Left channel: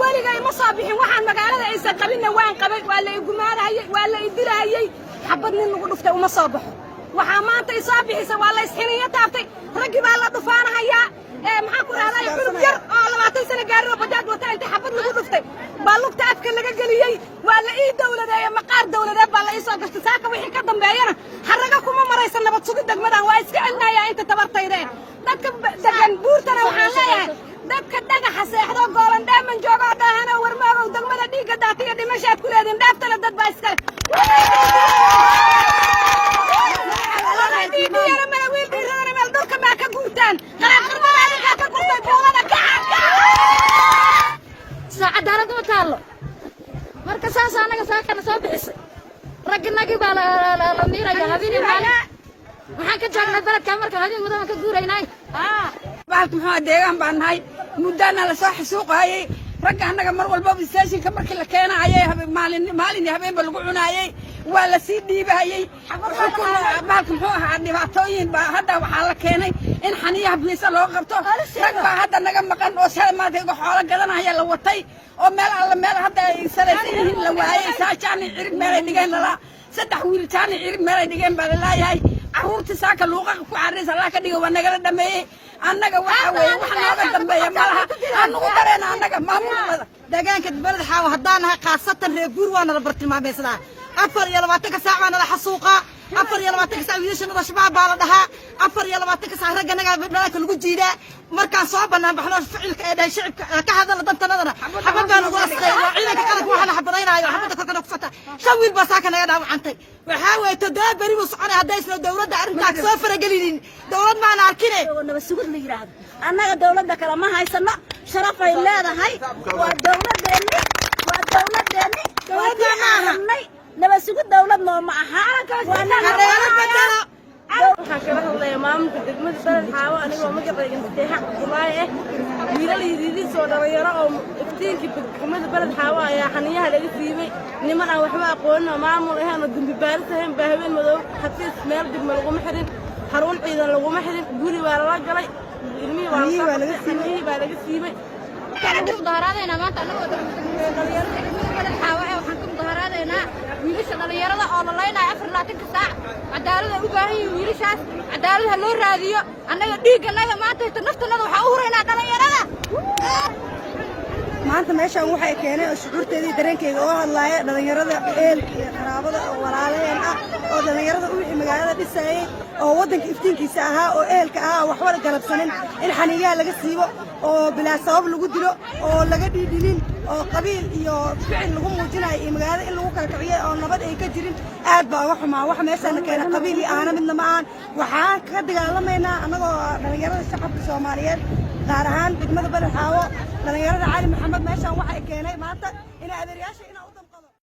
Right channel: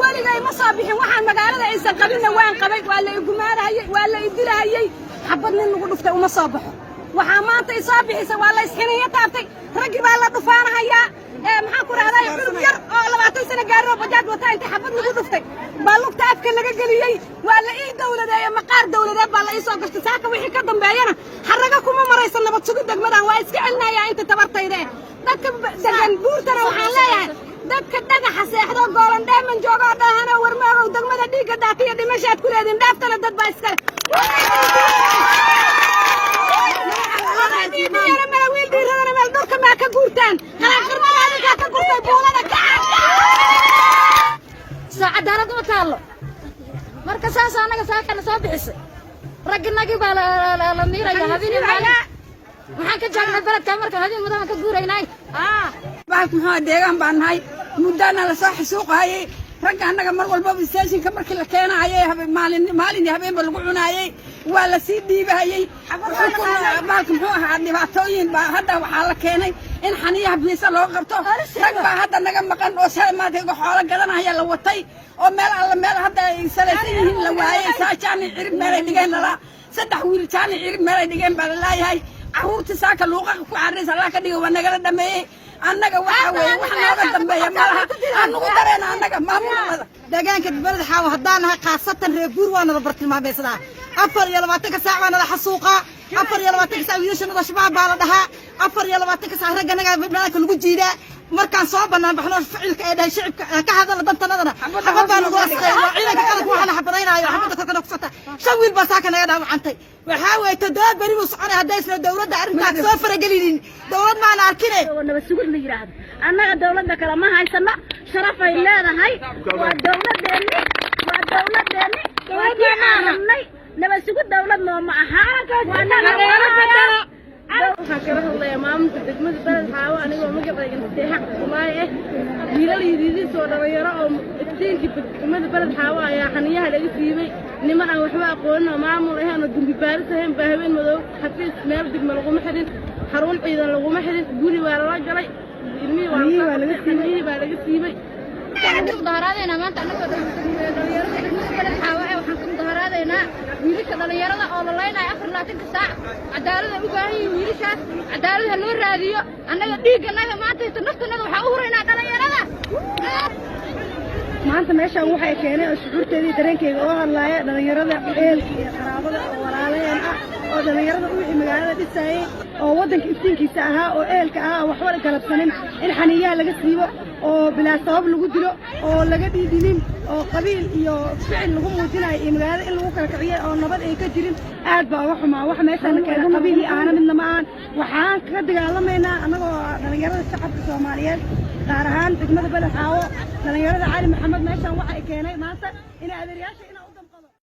ولي ما صابحين waxaan magaalada aysan qabina waan qabay waa la igumaarayay waa la idilayay xabadna nagu dhuftay uma soo baxo waxa maanta ay soo bixisay waa la isxinaya taabtay ragi baa la dhufaanaya maxaa ku raacday xulub yar oo 20 sano gaaro bajaaj wata inta xabad lagu dhuftay baa lugta afka laga galiyay waa la ii dawladeeyay maqaar dawladeed baa la ii soo gashtay saaka wixii ka dambeeyana xaraga kuma maraysan nabad sugid degmadan waa iska celinayaa inta tabartayde dadka degan buurtana waxaan leeyahay dadka dhagaxa seexdo goolan dheeman jooga dhaahana warmaagow degmada dhiiga daatiya dhimashaad ku leedin dhaaftana dad baa iska saacadaalad ma taalo marka saas anaga saaqana soo bixiso ragnagi baa la miiraya hadii maalin waxaan ka joognaa baladka marka hadii mudan ka guuraynay baalku maxaa deegaan baan nahay mudana la soo xisuuqayay rag anaga mar walba station ka markii la keenayay maalin habeenba lagu cunaayay waa la sii dhiibayay baalku muxuu ahaa dhibaatooyin baa hadda waxaa la keenay in xaniyaha biisa loo qabto rag baa hadda naga maqan oo saymaadka xoolo gadanaya la watay oo meel hadda ay salaysan yihiin la waayay saajaan cirib meel ay dhigeen la saddex wiil taan cirib meel ay dhigeen baa la leeyahay caruurtii saaka luuqa ku caris Allah ka dhigo waa naga dhameeyay annaga waxa weeye wax nooga dambeeya malaha anagu dareena annaga maamulada deegaanka balad xaaw hadaan ha qaasatan reer guur waana la bartilmaameysada 24 saac waana la xasuuqa 24 saac wiilashana shabaab baa la dhahaa 24 saac raganaga meelka lagu jiidaa markaan soo banaan baxno ficilka ee dhahay shicibka ka hadal dantanadana xabadaan ugu asqay waa ciidanka qaranka waxa la xabadaynayo xabada korkana ku fata shan wiil baa saaka naga dhaawacantay waxa way todoba bari buu soconay haday isla dawladda arrintaas soo faragelinin dawlad ma la arkinay nabad sugid la yiraahdo annaga dawladda kala ma haysana sharaf ay leedahay waa dawladeena waa tii arnay nabad sugid dawlad ma aha waa nabad waxaan kala hadlayaa maamulka degmada Balad Xaawo anigoo magacayga Madaxa Abdullaahi wiilal yidii soo dhalinyaro oo iftiinkii degmada Balad Xaawo ayaa xaniyaha laga siibay niman aan waxba aqoon oo maamul ahaan oo dambi baaris ahaan baa habeen madow xafiis meel degmo lagu xirin xarun ciidan lagu xirin guri waa la galay ilmihi waa laga siibay mudaharaadayna maanta anagoo dhalinyaro Balad Xaawo waxaan ku mudaharaadaynaa wiilasha dhalinyarada oo la leenahay 24 saac cadaalada u baahan yihiin wiilashaas cadaalada loo raadiyo annaga dhiiganaga maanta naftanada waxa u horeynaa dhalinyarada maanta meeshaan waxa keenay shucuurteeda dareenkeeda oo hadlaaya dhalinyarada eelka qaraabada walaaleen ah oo dhalinyarada u magaalada dhisayay oo wadanka iftiinkiisa ahaa oo eelka ahaa waxba galabsanin in xaniyaha laga siibo oo bilaa sabab lagu dilo oo laga dhiidhilin oo qabiil iyo ficil lagu muujinayo iyo magaalada in lagu kala kiciyo oo nabad ay ka jirin aad baa uga xumaa wax meeshaan keenay qabiil iyo aana midna ma aan waxaan ka dagaalamaynaa annagoo dhalinyarada shacabka Soomaaliyeed gaar ahaan degmada Balad Xaawo dhalinyarada Cali Maxamed meeshaan waxa keenay maanta in adeeryaasha